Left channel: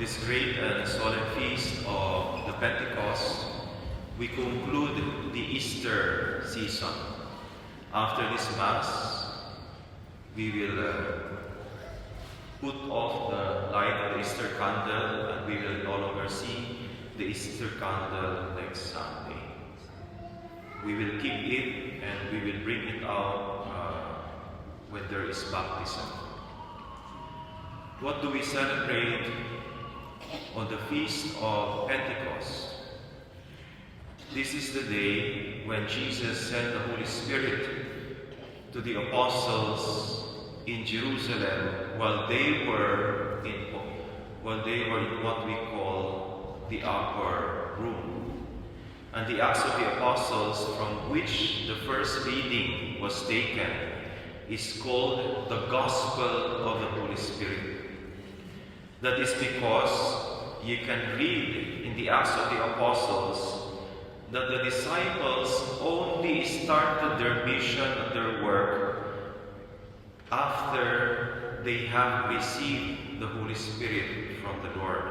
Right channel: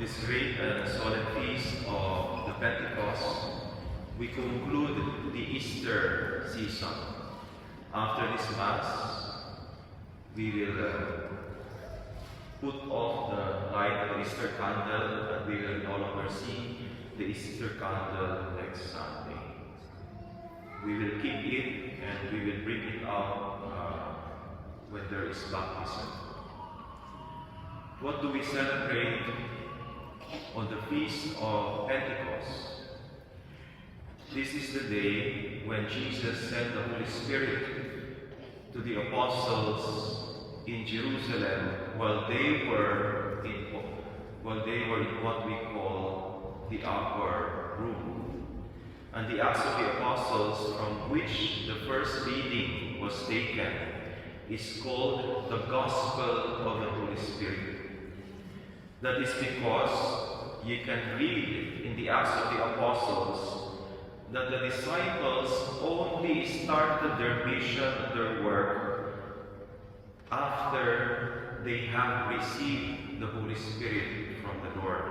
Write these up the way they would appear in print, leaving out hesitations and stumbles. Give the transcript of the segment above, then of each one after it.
this great and solemn feast of the Pentecost, we conclude the Easter season. After this Mass, we will put off the light of the Easter candle, and we will no longer see the Easter candle next Sunday. We will keep it and we will bring it out when there is baptism. What do we celebrate on the Feast of Pentecost? This is the day when Jesus sent the Holy Spirit to the apostles in Jerusalem while they were in what we call the upper room. And the Acts of the Apostles, from which the first reading was taken, is called the Gospel of the Holy Spirit. That is because you can read in the Acts of the Apostles that the disciples only started their mission and their work after they have received the Holy Spirit from the Lord.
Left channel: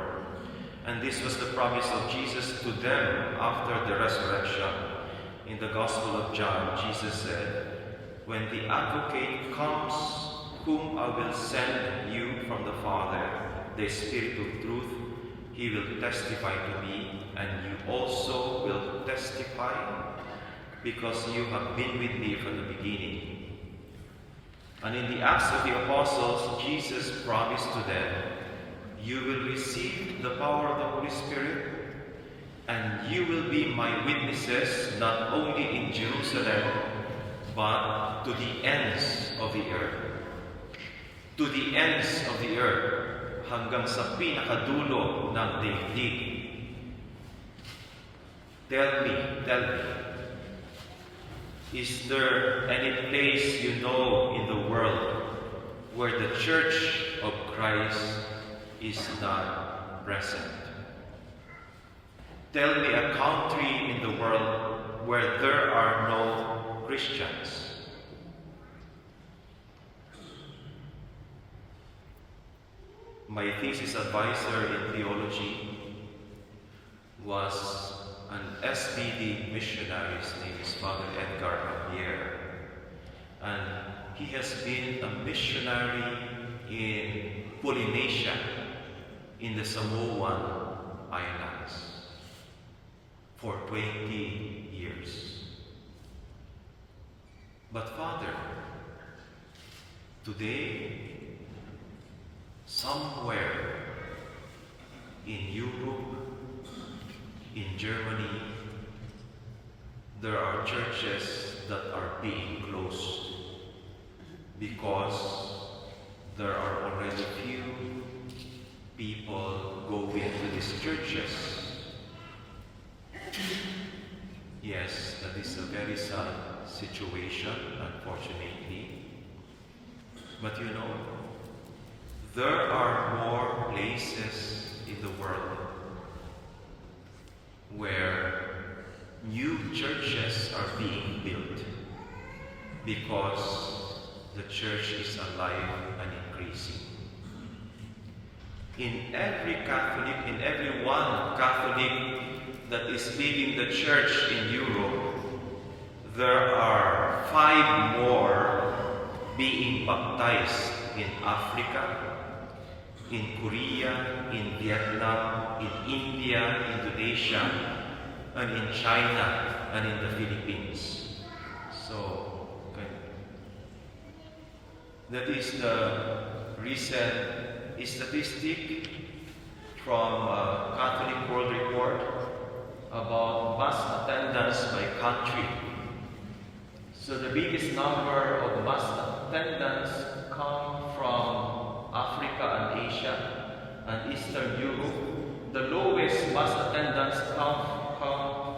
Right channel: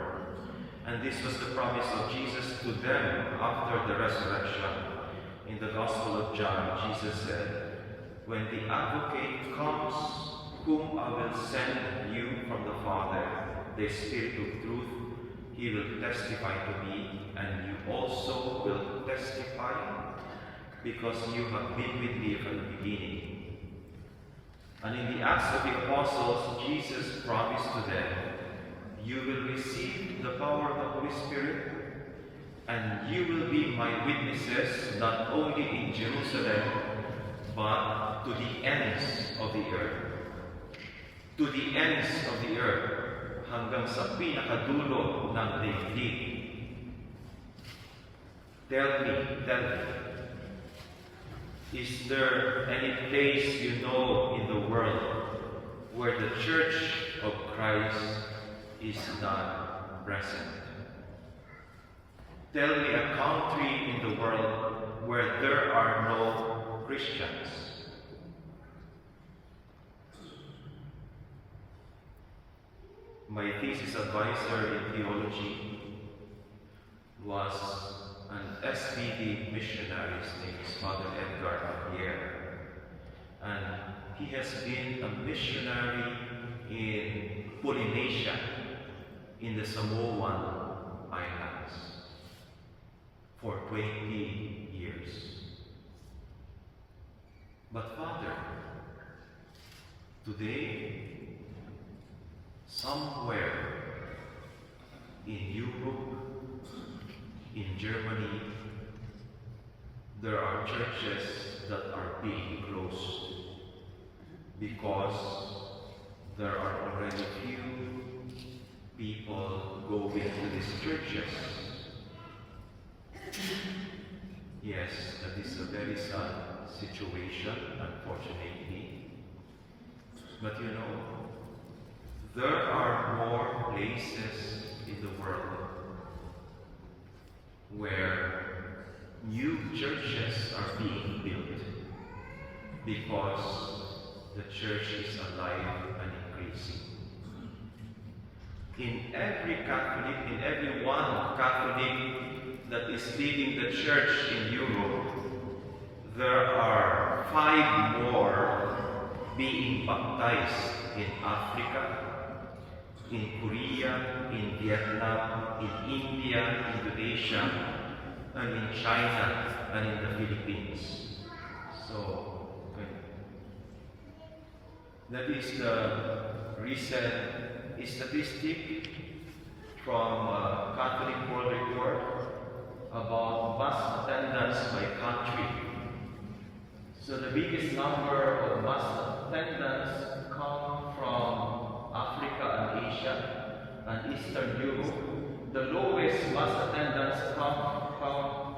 And this was the promise of Jesus to them after the resurrection. In the Gospel of John, Jesus said, "When the Advocate comes, whom I will send you from the Father, the Spirit of truth, he will testify to me, and you also will testify, because you have been with me from the beginning." And in the Acts of the Apostles, Jesus promised to them, "You will receive the power of the Holy Spirit, and you will be my witnesses not only in Jerusalem, but to the ends of the earth." To the ends of the earth, hanggang sa pinakadulo ng daigdig. Tell me, is there any place you know in the world where the Church of Christ is not present? Tell me a country in the world where there are no Christians. My thesis advisor in theology was an SBD missionary. His name is Father Edgar Javier. And he has been a missionary in Polynesia, in the Samoan Islands, for 20 years. But Father, today, somewhere in Europe, in Germany, there are churches that are being closed because there are already few people going to these churches. Yes, that is a very sad situation, unfortunately. But you know, there are more places in the world where new churches are being built because the church is alive and increasing. In every one Catholic that is leaving the church in Europe, there are 5 more being baptized in Africa, in Korea, in Vietnam, in India, Indonesia, and in China, and in the Philippines. So, okay. That is the recent statistic from Catholic World Report about mass attendance by country. So the biggest number of mass attendance come from Africa and Asia and Eastern Europe. The lowest mass attendance come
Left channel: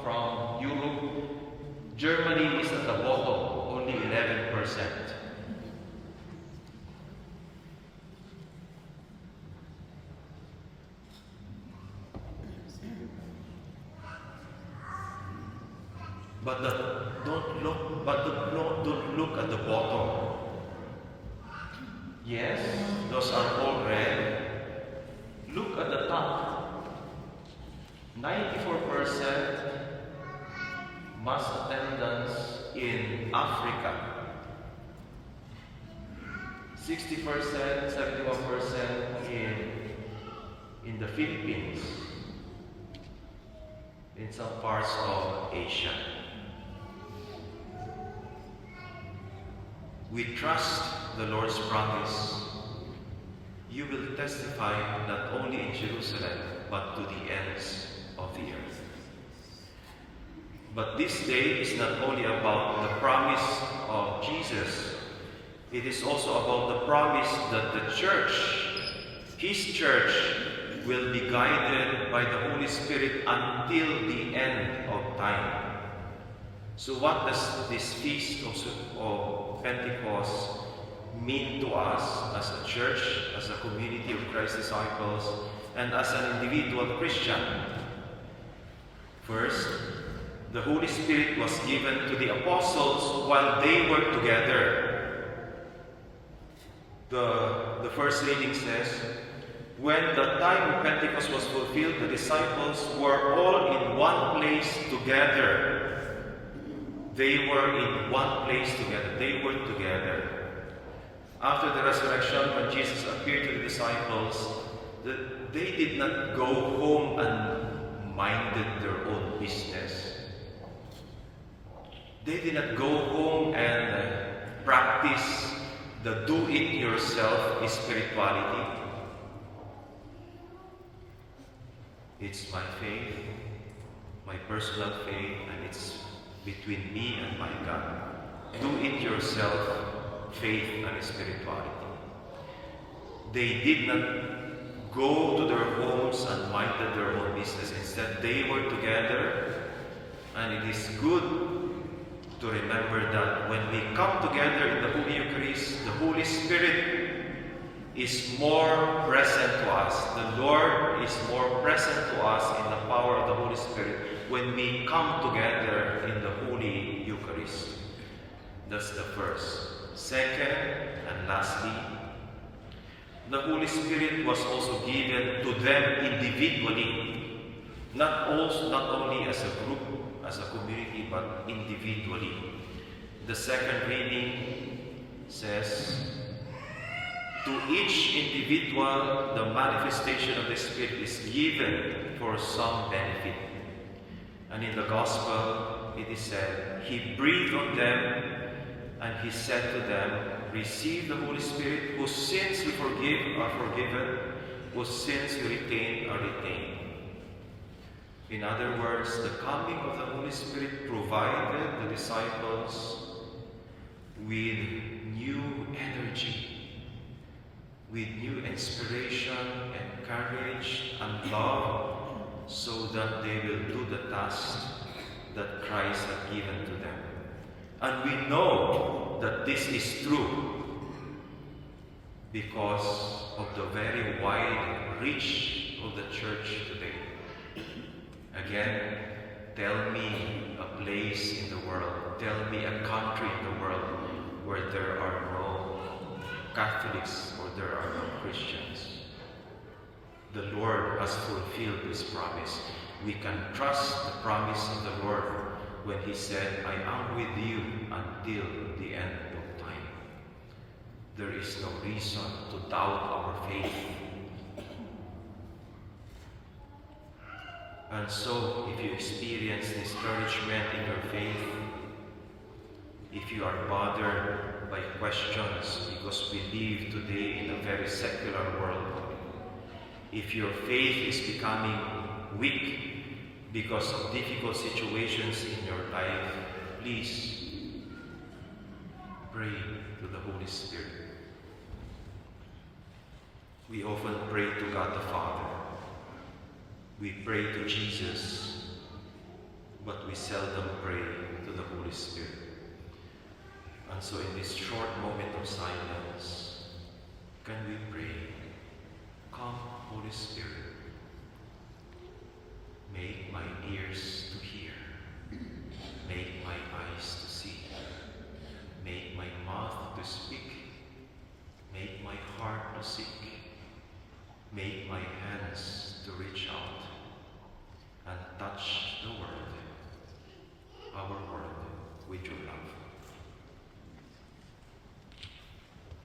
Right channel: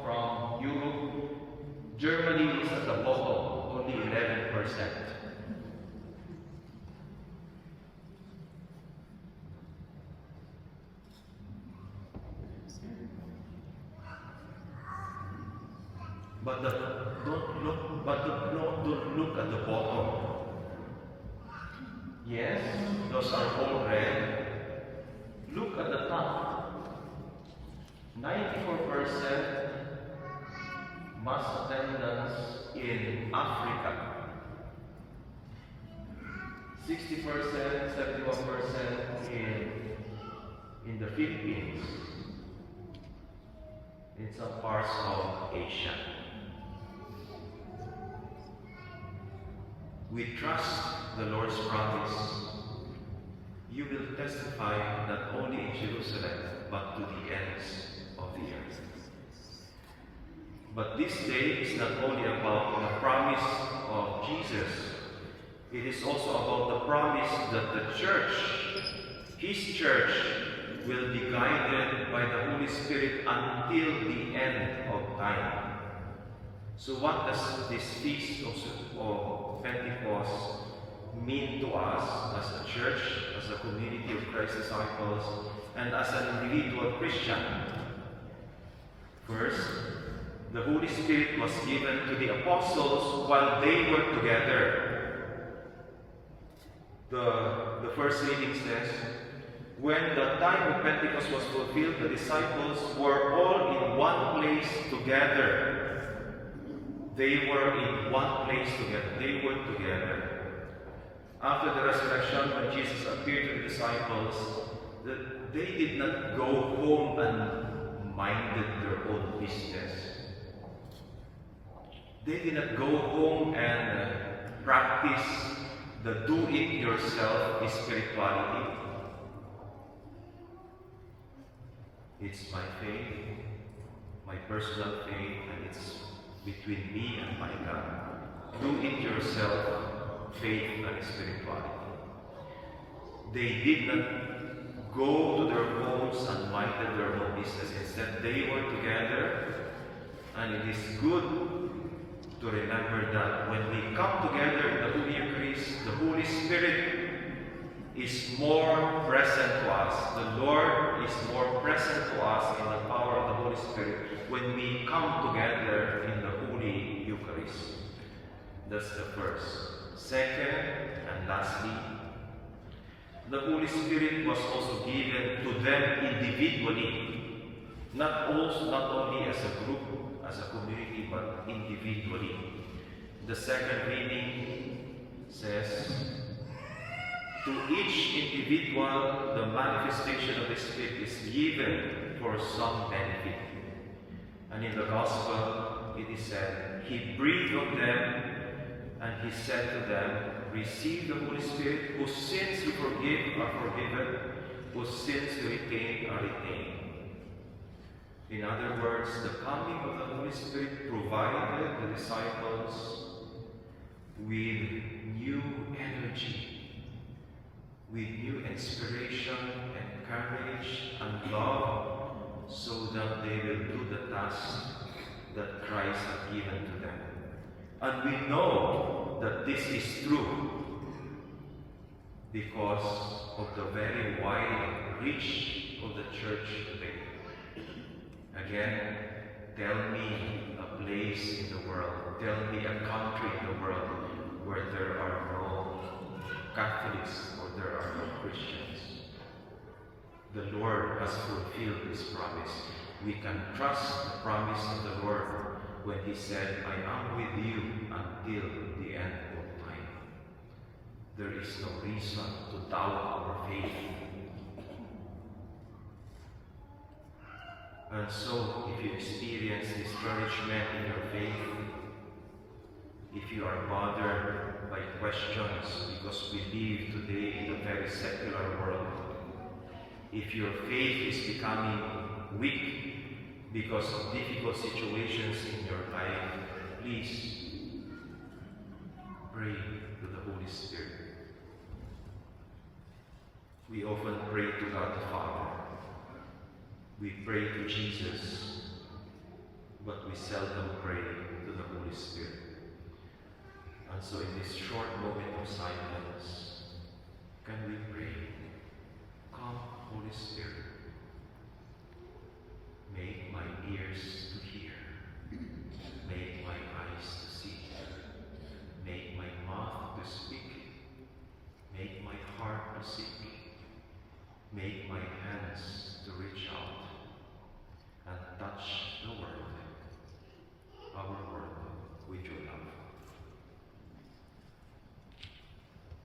from Europe. Germany is at the bottom, only 11%. But don't look at the bottom. Yes, those are all red. Look at the top. 94% mass attendance in Africa. 60%, 71% in the Philippines, in some parts of Asia. We trust the Lord's promise. You will testify not only in Jerusalem, but to the ends of the earth. But this day is not only about the promise of Jesus, it is also about the promise that the church, His church, will be guided by the Holy Spirit until the end of time. So what does this feast of Pentecost mean to us as a church, as a community of Christ's disciples, and as an individual Christian? First, the Holy Spirit was given to the apostles while they were together. The first reading says, when the time of Pentecost was fulfilled, the disciples were all in one place together. They were in one place together. They were together. After the resurrection, when Jesus appeared to the disciples, they did not go home and minded their own business. They did not go home and practice the do-it-yourself spirituality. It's my faith, my personal faith, and it's between me and my God. Do-it-yourself faith and spirituality. They did not go to their homes and minded their own business. Instead, they were together, and it is good to remember that when we come together in the Holy Eucharist, the Holy Spirit is more present to us. The Lord is more present to us in the power of the Holy Spirit when we come together in the Holy Eucharist. That's the first. Second, and lastly, the Holy Spirit was also given to them individually, not only as a group, as a community, but individually. The second reading says, to each individual, the manifestation of the Spirit is given for some benefit. And in the Gospel, it is said, He breathed on them, and He said to them, receive the Holy Spirit, whose sins you forgive are forgiven, whose sins you retain are retained. In other words, the coming of the Holy Spirit provided the disciples with new energy, with new inspiration and courage and love, so that they will do the task that Christ had given to them. And we know that this is true because of the very wide reach of the church today. Again, tell me a place in the world, tell me a country in the world where there are no Catholics or there are no Christians. The Lord has fulfilled this promise. We can trust the promise of the Lord when He said, I am with you until the end of time. There is no reason to doubt our faith. And so, if you experience discouragement in your faith, if you are bothered by questions because we live today in a very secular world, if your faith is becoming weak because of difficult situations in your life, please pray to the Holy Spirit. We often pray to God the Father. We pray to Jesus, but we seldom pray to the Holy Spirit. And so in this short moment of silence, can we pray, come, Holy Spirit.